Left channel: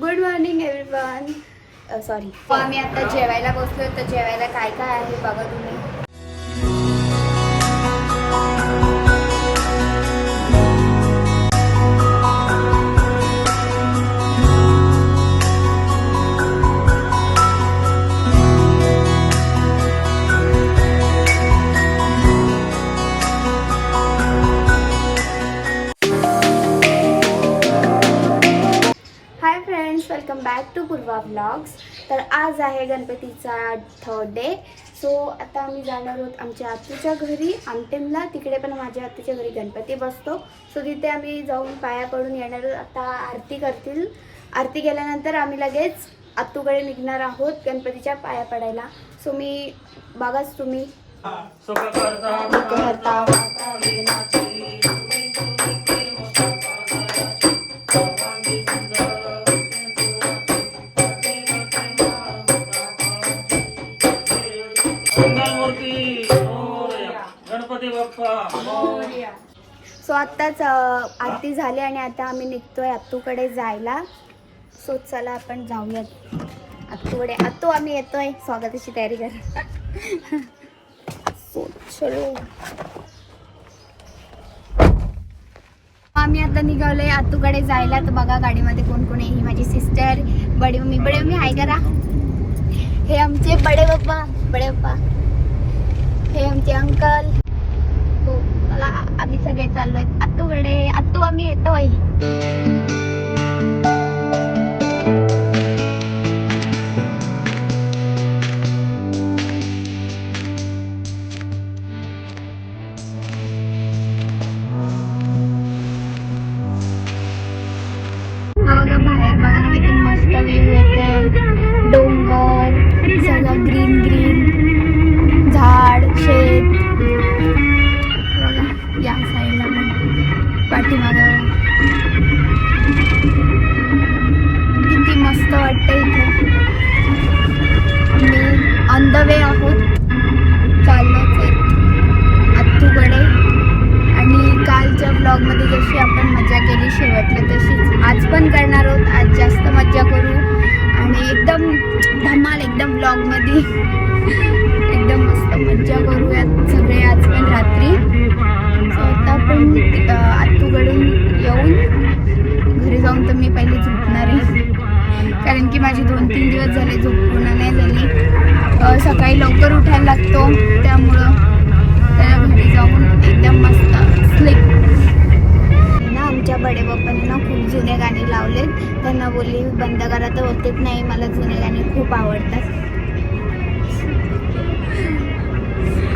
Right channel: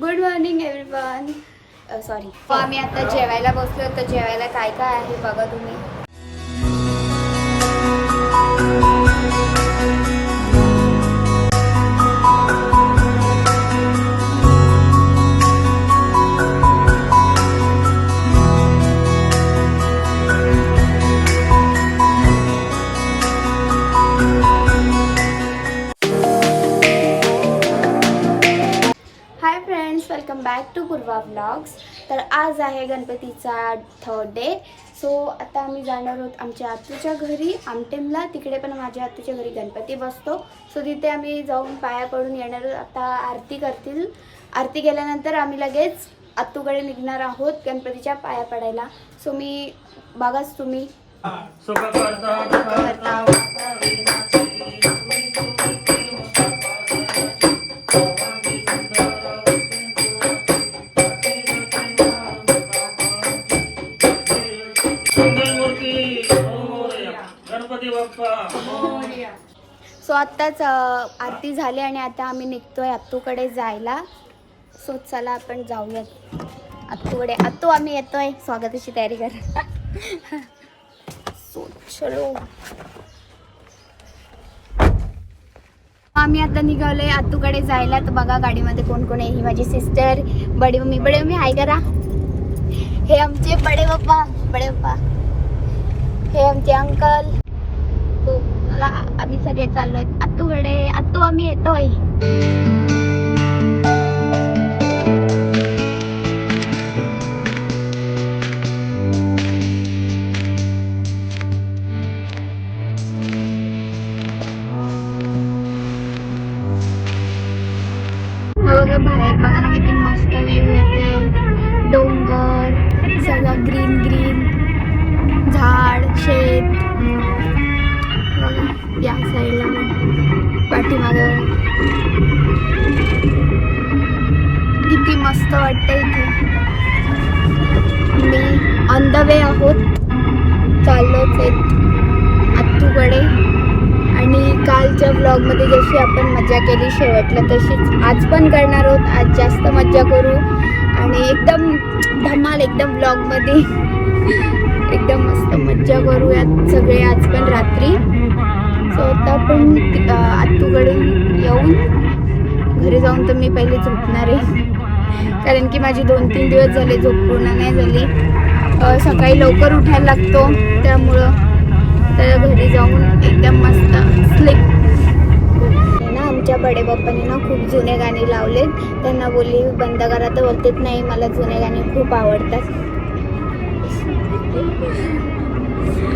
Good morning everyone. Sorry, आम्ही आता जेवायला बसलो. तर जेवायला काय काय आहे बघा तुम्ही. Welcome back to Purva vlogs. तर आज आहे गणपतीचा 3rd डे. सो आता आम्ही जाणार आहोत आमच्या आत्तूच्या घरी आमटेमला. तिकडे पण माझ्या आत्तूच्या घरी गणपती बसतो. सो तिथे आम्ही जाऊन पाया पडून येणार आहोत. आता आरती करतील. आरती केल्यानंतर आम्ही लगेच आत्तूकडे निघणार आहोत गणपतीच्या पाया पडायला. सो मी बघाच तुम्ही. सो आत्ताच आरती झाली आणि आता आम्ही निघतोय आत्तूकडे जायला. सो चला आपण जाऊयात आत्तूकडे. आत्तू आम्ही येतोय, स्वागताची तयारी कर. सो चलो. आम्ही आता निघालोय आत्तूकडे जायला. तर बघा गाडीमध्ये कोण कोण आहे. ही माझी सिस्टर, बडे मम्मी हाय करा. हे आमचे बडे पप्पा, हे आमचे अंकल. तो मला आम्ही सगळे चाललोय आत्तूकडे. आत्तू आम्ही येतोय. बाहेर बघा किती मस्त व्ह्यू येते. डोंगर, सगळं ग्रीन झाड, शेत. या साईडला पाठीमागं किती मस्त वाटतं इथे. मी ऑन द वे आहोत, चाललोच आहेत आत्तूकडे. आणि कालच्या ब्लॉगमध्ये जशी आपण मजा केली शेवटला तशीच आज पण करणार आहोत. आज जास्त मजा करू आणि एकदम धमाल, एकदम ब्लॉगमध्ये एकदम मस्त मजा करूयात सगळे आज पण रात्री. सो तर पण आत्तूकडे येऊन घरी जाऊन तर मी पहिले झोपणार आहे. कारण की माझी 2-3 दिवस झाले झोप पूर्ण नाही झाली. सकाळी लवकर उठायला लागतो, त्यामुळं त्याला घरी जाऊन एकदम मस्त स्लीप ना. आमच्या बडे बाप्पांनी ना खूप जुने गाणे लावले. त्यांना बोलली बंद करा तर बोलतेच नाही, मला जुने गाणे खूप आवडतात.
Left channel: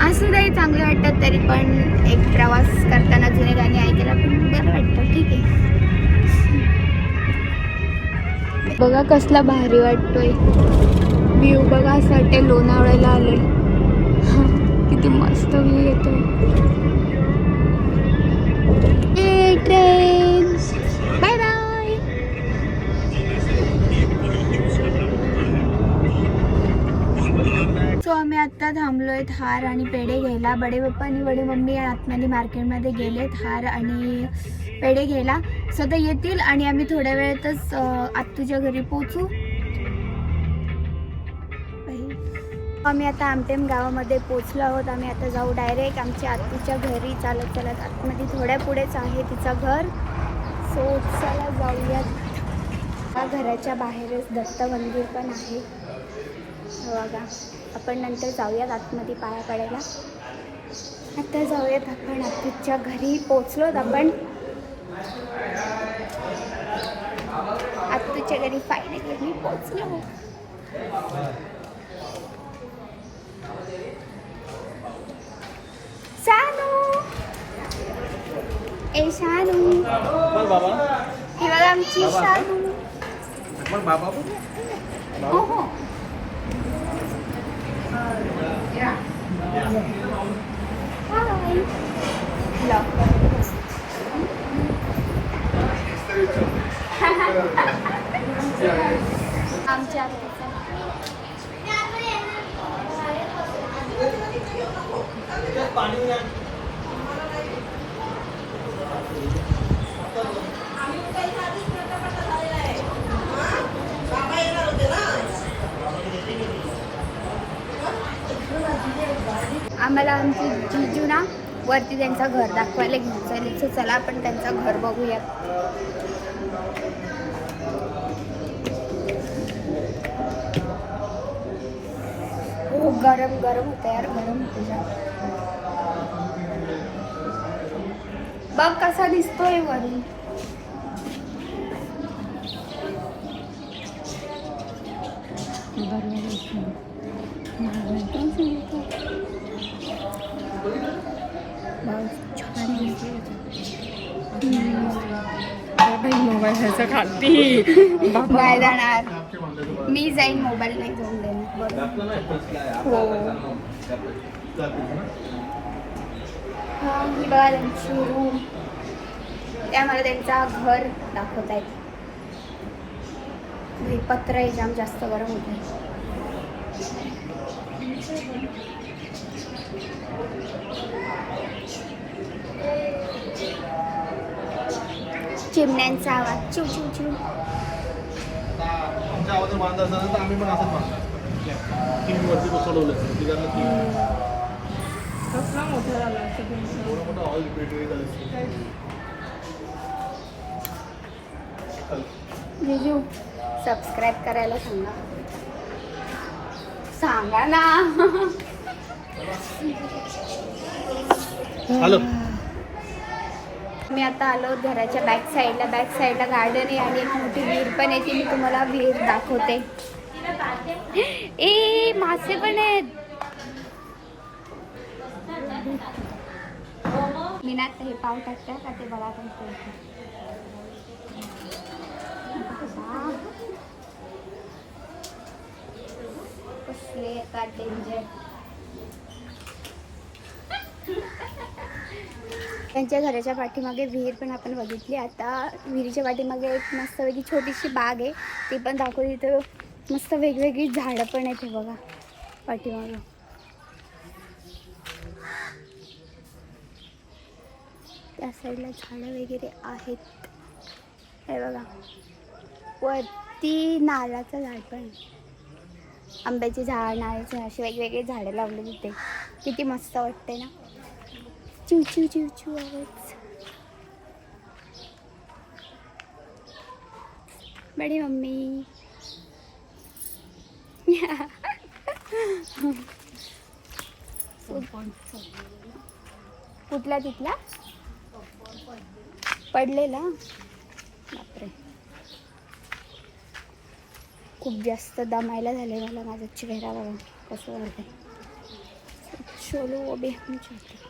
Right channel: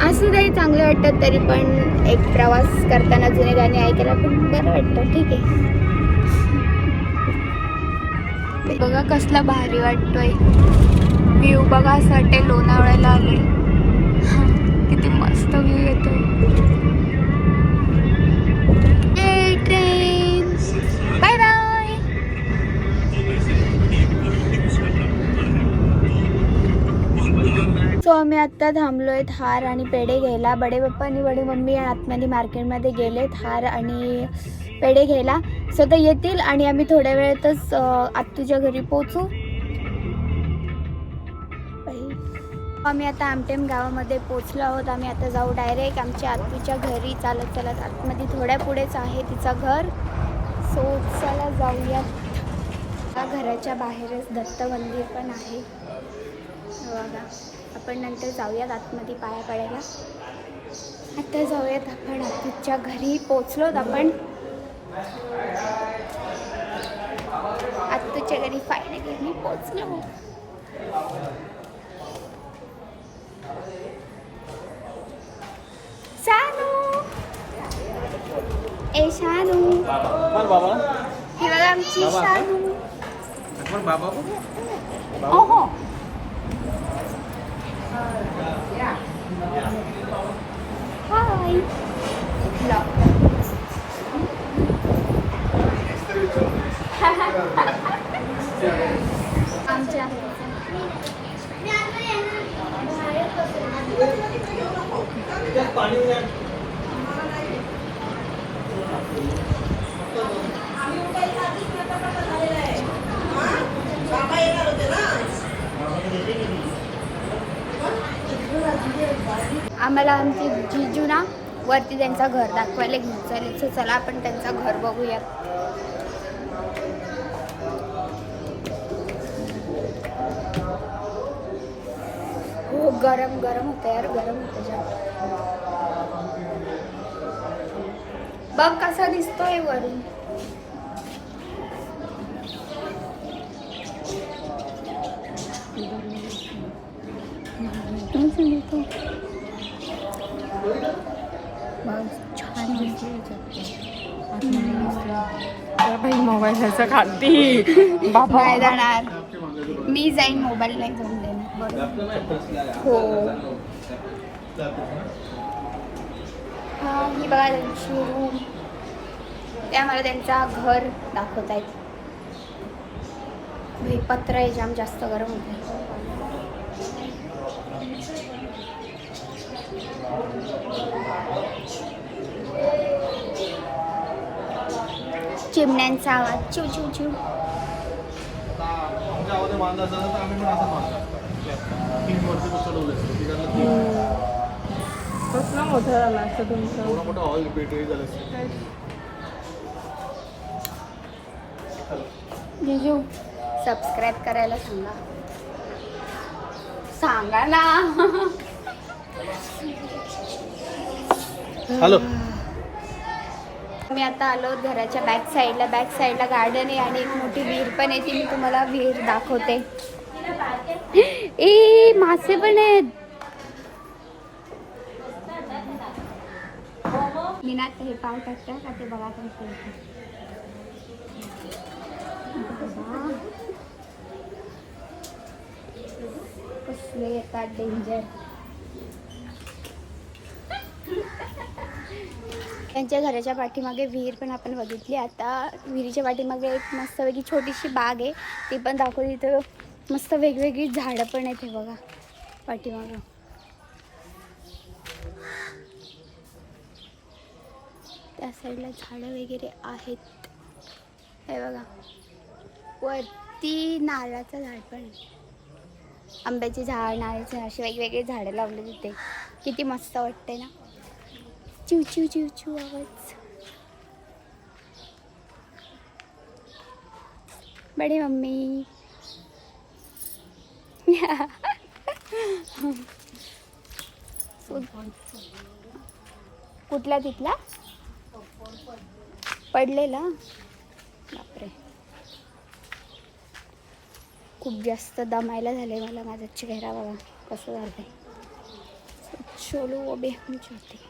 असं काही चांगलं वाटतं तरी पण एक प्रवास करताना जुने गाणे ऐकायला पण बरं वाटतं. ठीक आहे. बघा कसला भारी वाटतोय व्ह्यू. बघा असं वाटतंय लोणावळ्याला आले. किती मस्त व्ह्यू येतोय. Train bye bye. सो आम्ही आत्ता थांबलोय हार आणि पेढे घ्यायला. बडे पप्पा आणि बडे मम्मी आतमध्ये मार्केटमध्ये गेलेत हार आणि पेढे घ्यायला. सध्या येतील आणि आम्ही थोड्या वेळेतच आत्तूच्या घरी पोहोचू. आम्ही आता आमटेम गावामध्ये पोचलो आहोत. आम्ही आता जाऊ डायरेक्ट आमच्या आत्तूच्या घरी. चालत आतमध्ये थोड्या पुढेच आहे तिचं घर. सो चला जाऊयात. घराच्या बाहेरच दत्त मंदिर पण आहे बघा. आपण नंतर जाऊयात आतमध्ये पाया पडायला. आता जाऊयात आपण आत्तूच्या घरी. पोचलोत आपण आत्तूच्या घरी. फायनली मी पोचलो. शानू, ए शानू, ही बघा आमची शानू. हो हाय. आमच्या आम्हाला आमची जिजू ना वरती त्यांचं घर दाखवायला घेऊन चालेल. सो चला आपण त्यांचं घर बघूयात. हो गरम गरम होतं यार, गरम होतं जाम. बघ कसा दिसतोय वरून. छान मोबाईल खाती नाही जाणार मी, जाईन मोबाईल नाही घेऊन देणार. बरोबर हो. हा ही बघा त्यांची रूम. त्या मला त्यांचा घर दाखवत आहेत. पत्र आहे, जाम जास्त गरम होत आहे. चिमण्यांचा आवाज चिव चिव चिव. जिजू सबस्क्राईब करायला सांगा. सांगा ना. हॅलो. मी आता आलो घराच्या बॅक साईडला. बॅक साईडला गार्डन आहे आणि मोठी विहीर पण आहे. ती मी तुम्हाला विहीर दाखवते. ए मासे पण आहेत. मी ना हे पाव टाकते का ते बघा पण कसले येतात डेंजर. त्यांच्या घराच्या पाठीमागे विहीर पण आपण बघितली. आता विहिरीच्या पाठीमागे एक मस्तपैकी छोटीशी बाग आहे, ती पण दाखवली. तिथं मस्त वेगवेगळी झाडं पण आहेत. हे बघा पाठीमागं. त्या साईडला झाडं वगैरे आहेत. हे बघा वरती नारळाचं झाड पण आहे. आंब्याचे झाड, नारळाचे, असे वेगवेगळे झाडं लावले तिथे. किती मस्त वाटते ना. चिव चिव चिव चिव आवाज. बडी मम्मी. कुठला तिथला पडलेला. बापरे खूप जास्त दमायला झाले मला. माझा चेहरा बघा कसं झालंय. चलो अबे हम चलते.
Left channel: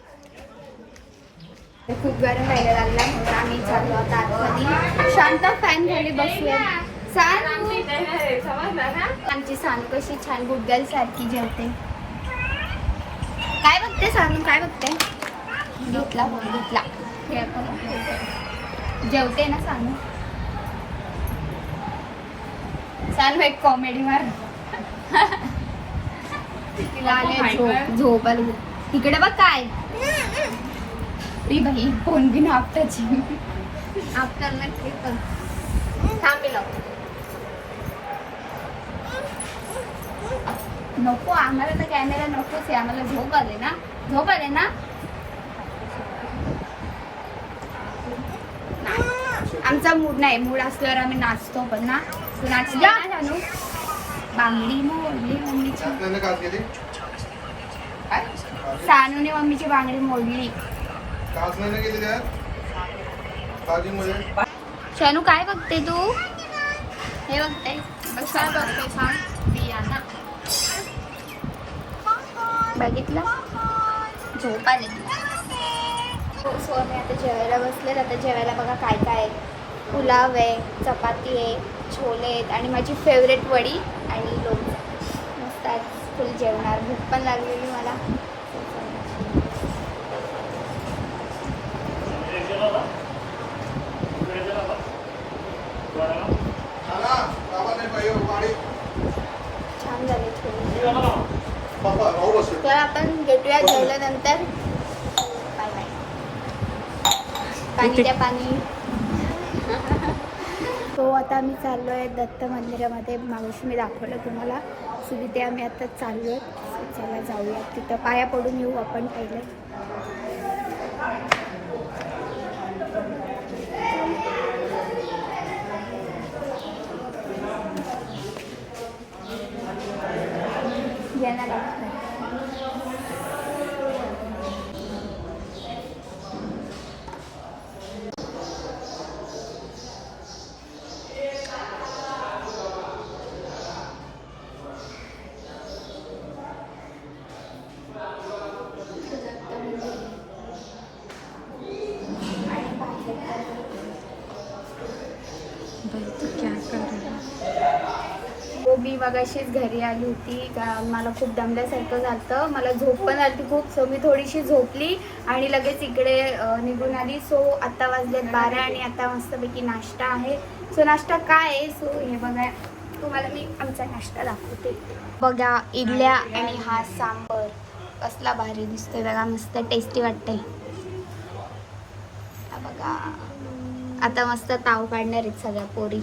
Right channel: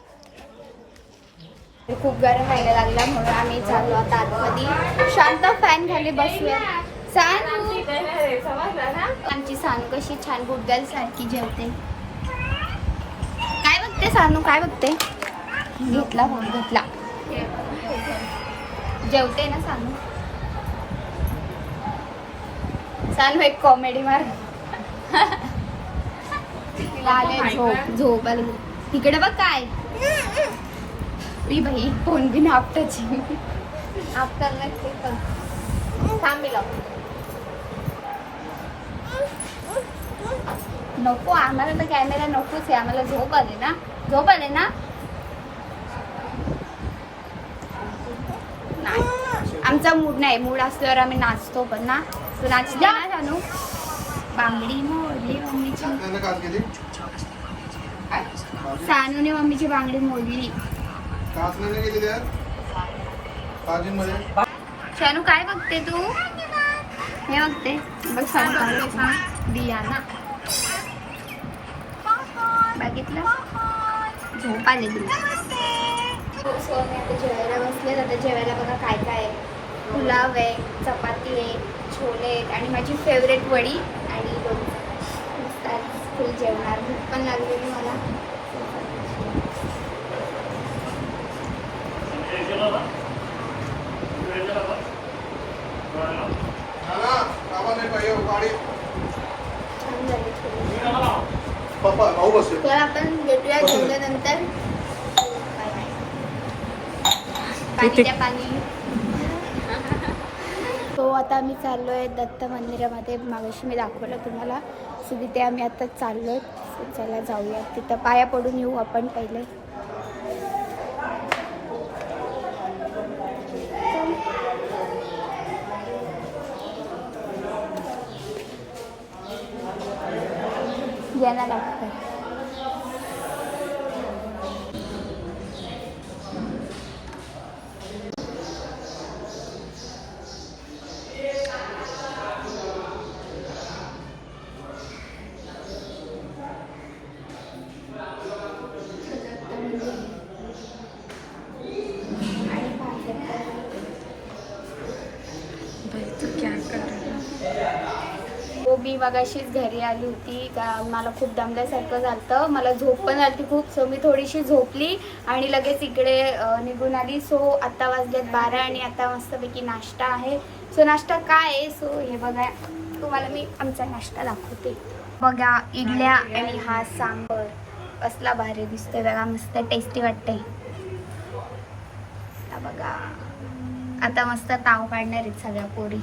खूप गरम व्हायला लागला म्हणून आम्ही चाललो आता आतमध्ये. शांत फॅन खाली बसूया. सानू आमची सानू कशी छान गुडगल सारखी जेवते. काय बघते सानू, काय बघते. घेतला घेतला जेवते ना सानू. सानू एक कॉमेडी मार. झोप आली. तिकडे बघ काय. भाई फोन भी ना आपटाची. आफ्टर थांबी लागतो. नको आम्हाला तर कॅमेरा नकोच आहे. आम्हाला झोप आले ना, झोप आले ना. आमचा मूड नाही. मूड असल्यावर आम्ही नाचतो पण ना. तू नाचते ना जानू. बांगडी मोडली मम्मीची. सानूने मम्मीची बांगडी मोडली. शानू काय बघते तू. हे बघते बघ. दियाना बघितलं. झोप आली तिला. आता जेवायला बसले. आता जेवायला बघा काय काय आहे. पुलाव आहे, चपाती आहे, छोले आहेत आणि माझी फेवरेट वडी आणि लोणचं. मस्त आज फुल जेवणार. भूक पण लागलेली मला. छान झाले. तर आपण भेटूया जेवल्यानंतर. पाणी. तो सो आता आम्ही चाललो आहे दत्त मंदिरामध्ये. मागाशी मी दाखवलं तुम्हाला. सो तिथे आम्ही आता चाललो आहे. सो चला जाऊया, तिथं पाया पडून येऊ आपण पहिले. यांना लागतं. हो, मी मगाशीच घरी आली होती. मला खूप दमल्यासारखं झालं. मला झोप पण आली खूप. सो मी थोडीशी झोपली आणि लगेच इकडे निघून आली. सो आता वाजलेत 12 आणि आता मस्तपैकी नाश्ता आहे. सो नाश्ता काय आहे? सो हे बघा, तुम्हाला मी आमचा नाश्ता दाखवते. बघा, इडल्या आणि हा सांबर कसला भारी दिसतोय बघा. मस्त टेस्टी वाटतंय. बघा, आता मस्त ताव काढणार आहेत सगळ्या पोरी.